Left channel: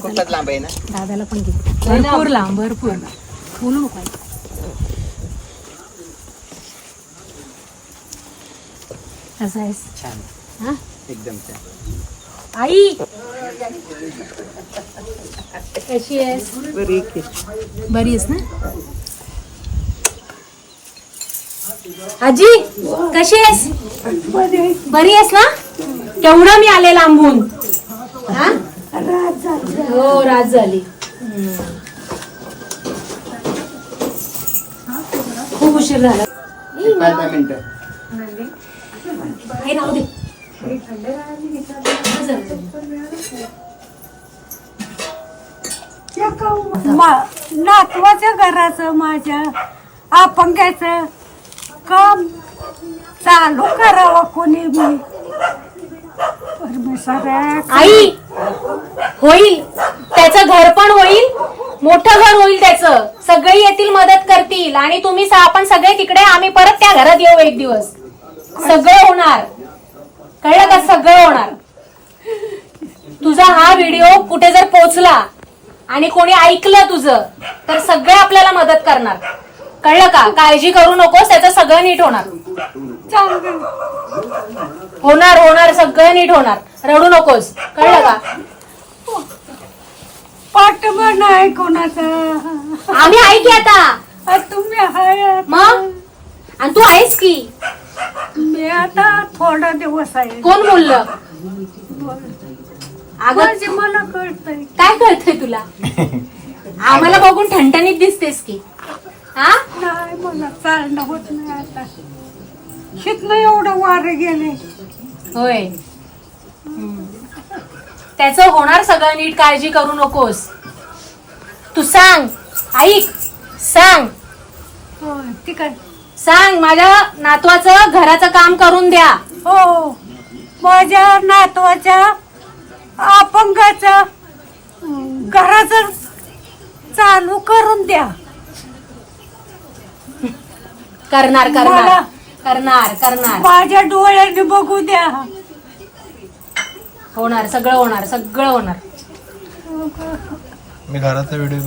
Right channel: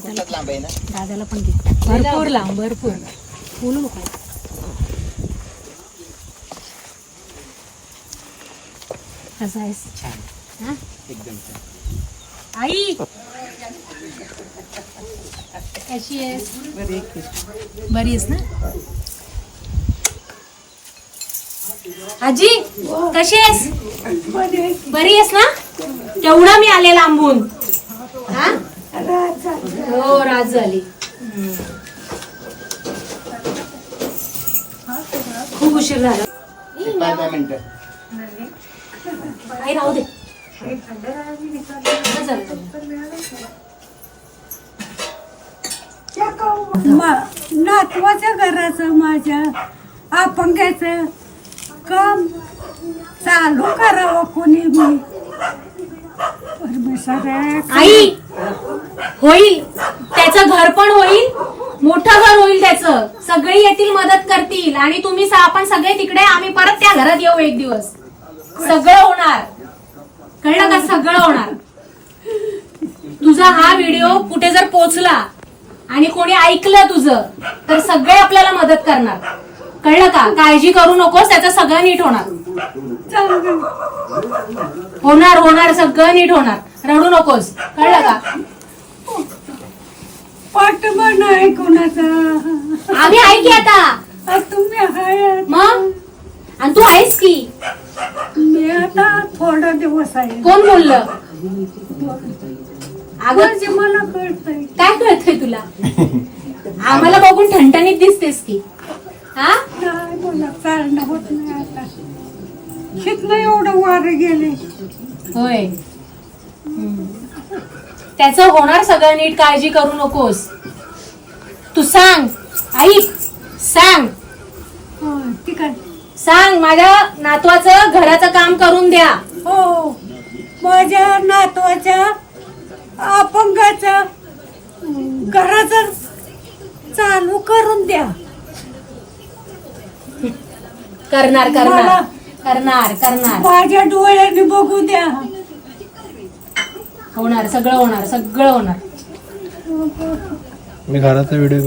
कुठलाच लांब आहे ना. दादाला पण घे. भरपूर लांब, भरपूर बोलू नको. कसं आहेस? छान हा एकदम छान. आई कशी आहेस? बरी बरी आहेस ना? आजी कशी आहेस? बरी आहेस ना? केवढा मी आले लांबून. हा हो रात झाली. खूप उशीर झाला. मिनिटं आई राहू दे. नातवाच्या घराचं माझ्या अपंगाचं काम चालू करावं कोणी मी. आई होईल, त्याचं घर पण होईल, मोठं घर होईल त्याचं. सगळे येतील, मदत करतील आणि तुम्ही आपण सगळे तिकडे, आम्ही परत त्या घरात येऊ एक दिवस. सगळं होणार, कळलं का? सगळं होणार. तुझा हा व्हिडिओ कुठे जर पोहोचला आणि कोणी ऐकलं तुझं, तर सगळे आपल्याला मदत करणार. कळलं का? काळजी करू नकोस, त्याचं सगळं नीट होणार. होणार होणार, सगळं नीट होणार. रडू नकोस, कळलं का? पाठबळ नाही कोणाचा. आम्ही आहे की आता. तुम्ही आहे मग आणि तू आहेस की. मी आता थोडा दिवस आहे. कोण बोललं? अगं माझे मला कळतंय. काय कळतंय तुला? आम्हाला बघून ठणठणीत दिसतेस की. हा नाही मला चालणं होत नाही आता. शिकलं एवढं वारे गेले. होय. त्याचं होणार सगळं नीट, काळजी करू नकोस. तू सांग, ऐक, सांग हो ठीक आहे. सांग माझ्या नातवाचं घराचं काम करून द्या. हो माझ्या नातवाच्या अपंगाचं घराचं चालू करून द्या. करणार करणार मला- करणार करणार. माझ्या डोळ्याने बघू द्या. होणार, सगळं होणार, सगळं होणार. मी घराचा व्हिडिओ